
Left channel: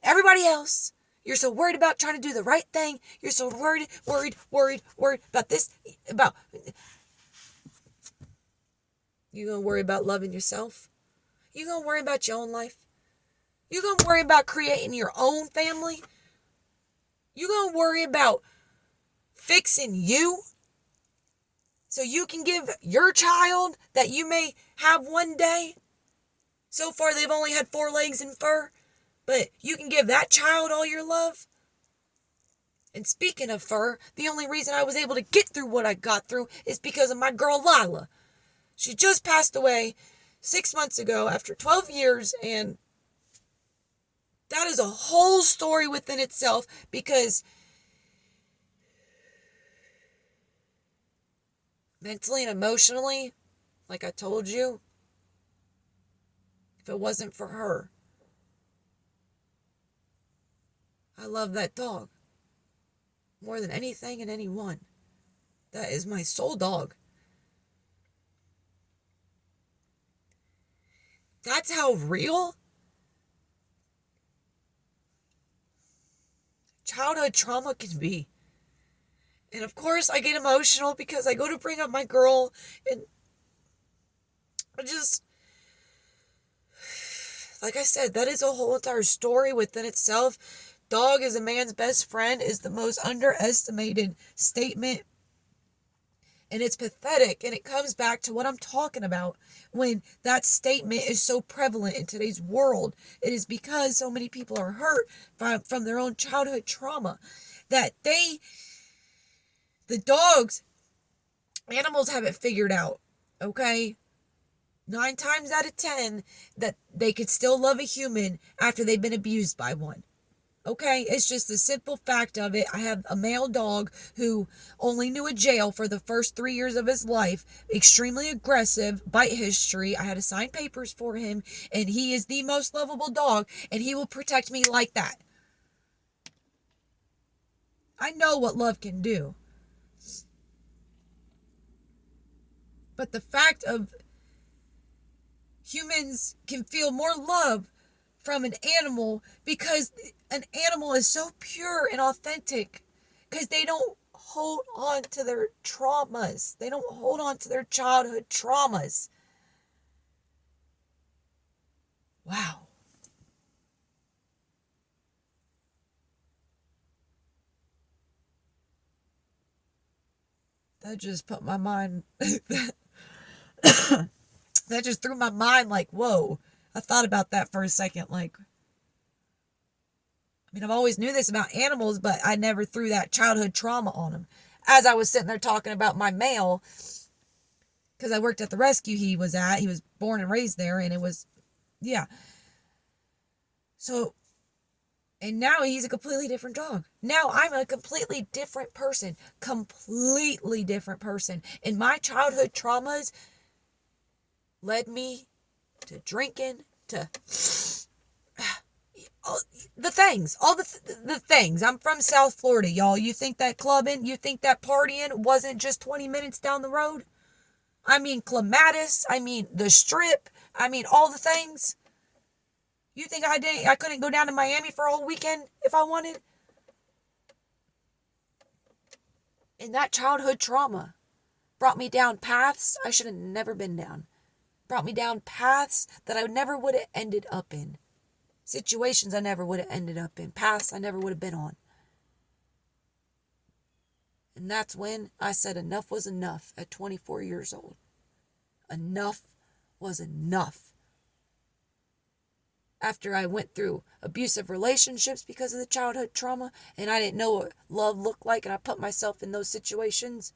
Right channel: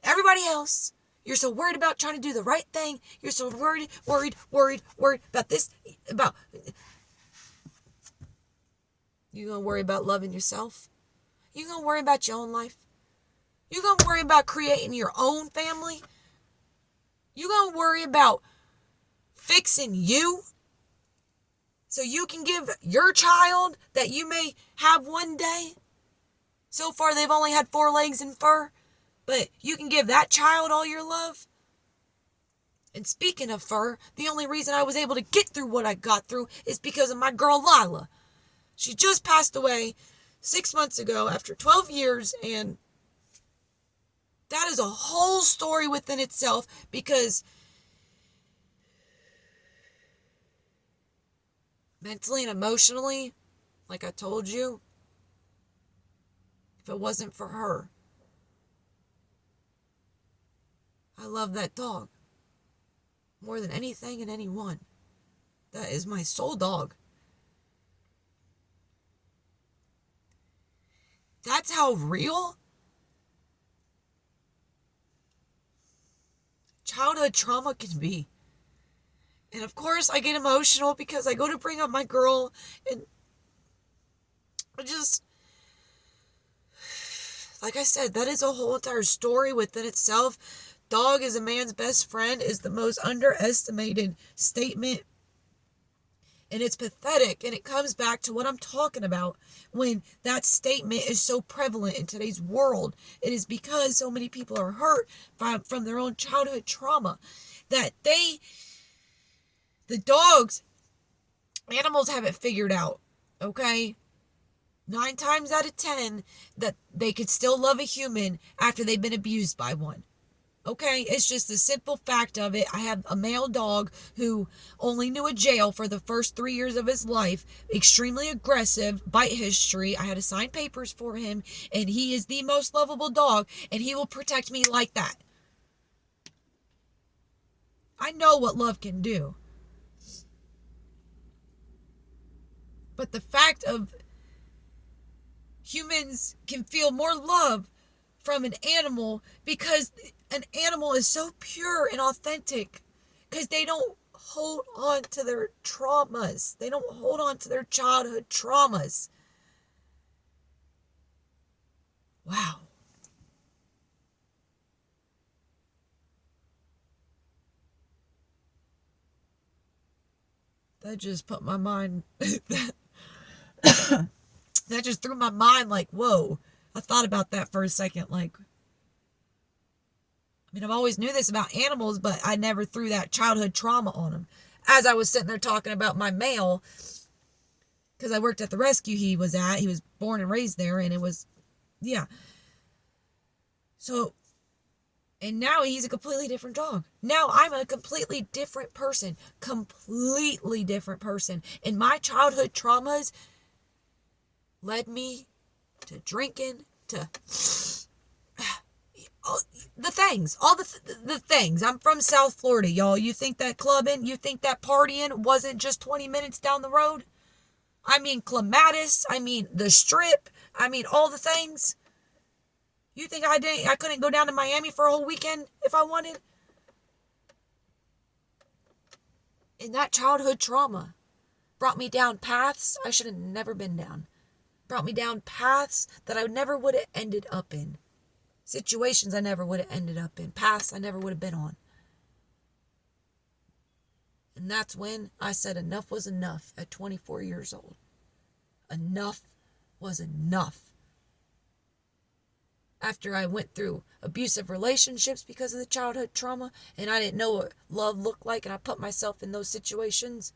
everybody else. You're so worried about trying to do the right thing. You're so worried about this, about... You gonna worry about loving yourself? You gonna worry about your own life? You gonna worry about creating your own family? You gonna worry about fixing you so you can give your child that you may have one day? So far, they've only had 4 legs and fur, but you can give that child all your love? And speaking of fur, the only reason I was able to get through what I got through is because of my girl Lila. She just passed away 6 months ago after 12 years, and that is a whole story within itself, because mentally and emotionally, like I told you, if it wasn't for her, I love that dog more than anything and anyone. That is my soul dog. That's how real childhood trauma can be. And of course, I get emotional because I go to bring up my girl, and I just, like I said, that is a whole entire story within itself. Dog is a man's best friend is the most underestimated statement. And it's pathetic. And it comes back to what I'm talking about when that statement is so prevalent in today's world. It is because so many people are hurt from their own childhood trauma that the dogs, animals have it figured out, okay? 9 times out of 10 that they could still love a human after they've been abused by one. Okay, it's just the simple fact of it. I have a male dog who only knew a jail for the first 3 years of his life, extremely aggressive, bite history. I had to sign papers for him, and he is the most lovable dog, and he will protect me like that. I know what love can do. But the fact of humans can feel more love from an animal because an animal is so pure and authentic because they don't hold on to their traumas. They don't hold on to their childhood traumas. Wow. That just put my mind that just threw my mind like, whoa. I thought about that for a second. Like, I mean, I've always knew this about animals, but I never threw that childhood trauma on them. As I was sitting there talking about my male, because I worked at the rescue he was at. He was born and raised there, and it was, yeah. So, and now he's a completely different dog. Now I'm a completely different person. Completely different person. And my childhood traumas led me to drinking, to the things, all the things. I'm from South Florida, y'all. You think that clubbing, you think that partying wasn't just 20 minutes down the road? I mean Clematis, I mean the Strip, I mean all the things. You think I couldn't go down to Miami for a whole weekend if I wanted? And that childhood trauma brought me down paths I should have never been down. Brought me down paths that I never would have ended up in. Situations I never would have ended up in. Paths I never would have been on. And that's when I said enough was enough at 24 years old. Enough was enough. After I went through abusive relationships because of the childhood trauma, and I didn't know what love looked like, and I put myself in those situations,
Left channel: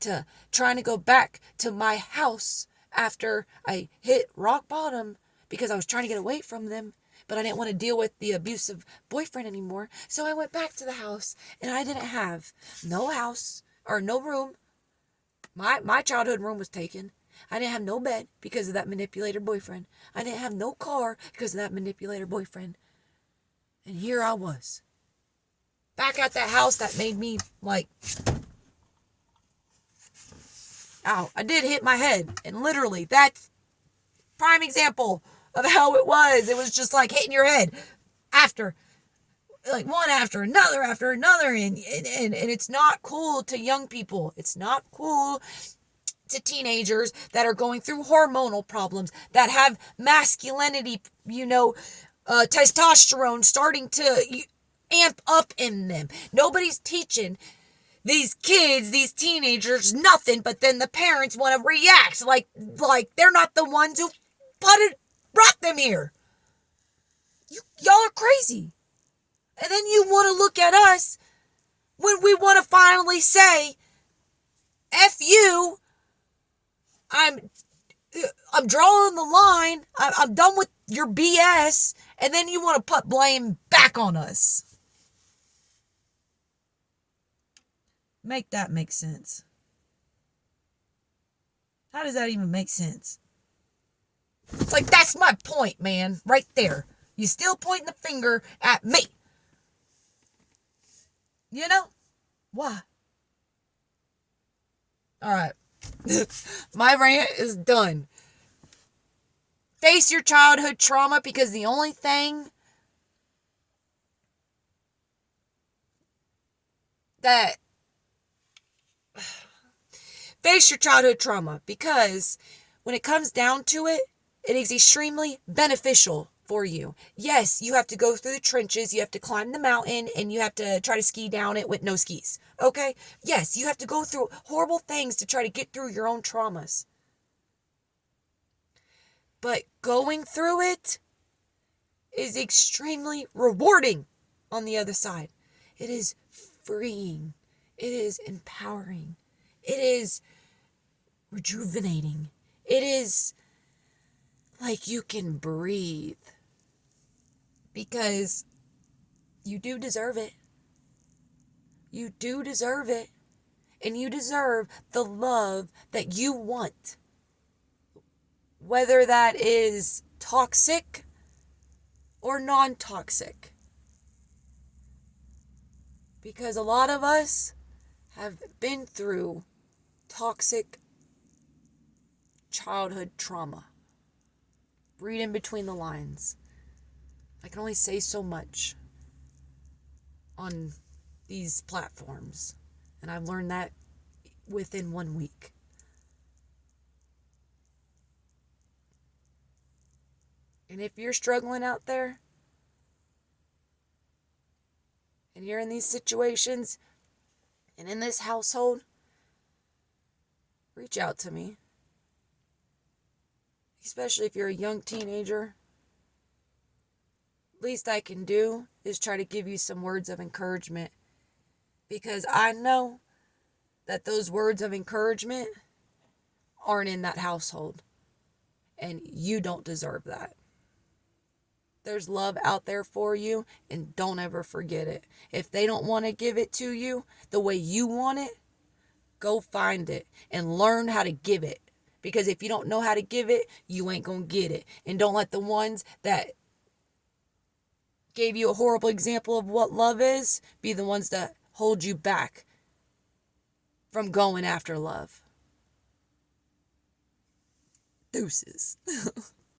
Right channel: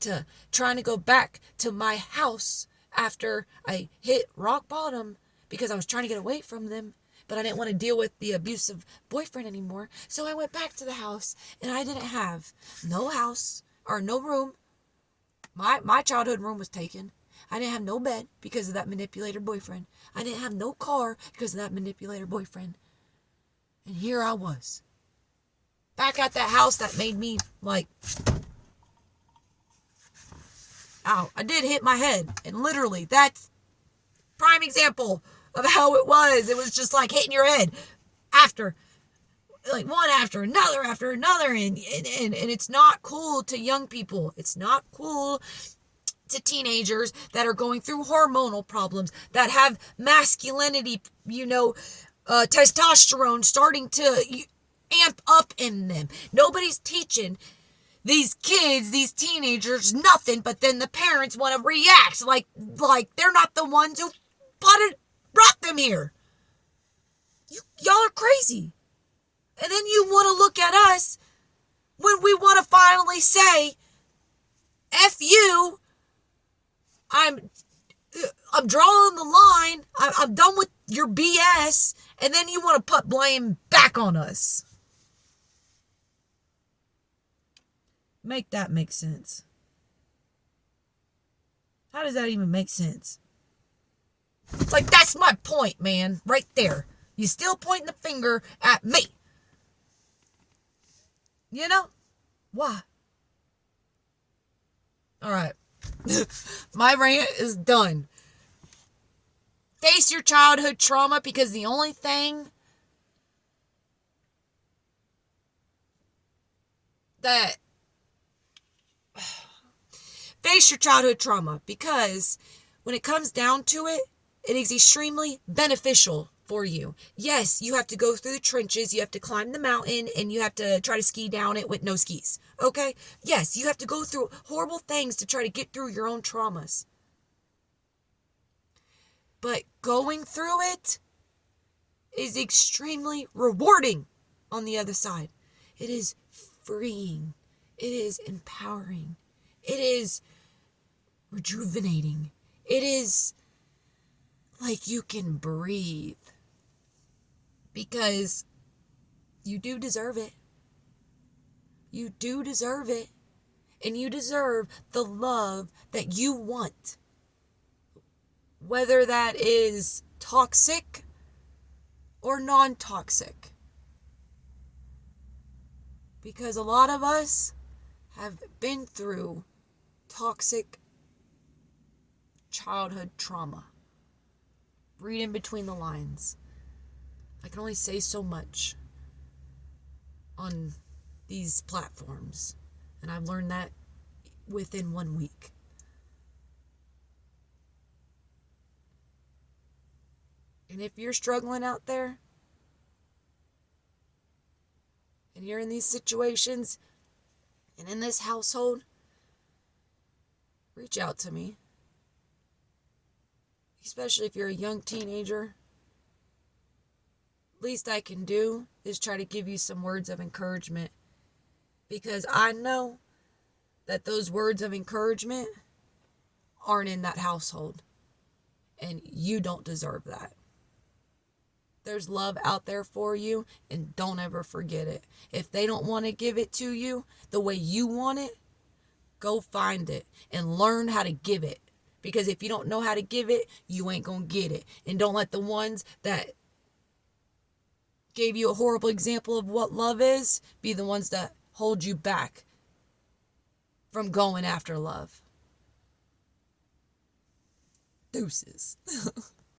to trying to go back to my house after I hit rock bottom because I was trying to get away from them, but I didn't want to deal with the abusive boyfriend anymore. So I went back to the house, and I didn't have no house or no room. My childhood room was taken. I didn't have no bed because of that manipulator boyfriend. I didn't have no car because of that manipulator boyfriend. And here I was, back at that house that made me like, ow, I did hit my head. And literally, that's prime example of how it was. It was just like hitting your head after, like one after another. And it's not cool to young people. It's not cool to teenagers that are going through hormonal problems, that have masculinity, testosterone starting to amp up in them. Nobody's teaching these kids, these teenagers, nothing, but then the parents want to react like they're not the ones who brought them here. Y'all are crazy. And then you want to look at us when we want to finally say, F you, I'm drawing the line, I'm done with your BS, and then you want to put blame back on us. Make that make sense. How does that even make sense? It's like, that's my point, man, right there. You still pointing the finger at me. You know? Why? All right. My rant is done. Face your childhood trauma, because the only thing that face your childhood trauma, because when it comes down to it, it is extremely beneficial for you. Yes, you have to go through the trenches, you have to climb the mountain, and you have to try to ski down it with no skis. Okay? Yes, you have to go through horrible things to try to get through your own traumas. But going through it is extremely rewarding on the other side. It is freeing. It is empowering. It is rejuvenating. It is like you can breathe, because you do deserve it. You do deserve it. And you deserve the love that you want. Whether that is toxic or non-toxic. Because a lot of us have been through toxic childhood trauma. Read in between the lines. I can only say so much on these platforms, and I've learned that within 1 week. And if you're struggling out there, and you're in these situations, and in this household, reach out to me. Especially if you're a young teenager. Least I can do is try to give you some words of encouragement, because I know that those words of encouragement aren't in that household, and you don't deserve that. There's love out there for you, and don't ever forget it. If they don't want to give it to you the way you want it, go find it and learn how to give it. Because if you don't know how to give it, you ain't gonna get it. And don't let the ones that gave you a horrible example of what love is be the ones that hold you back from going after love. Deuces.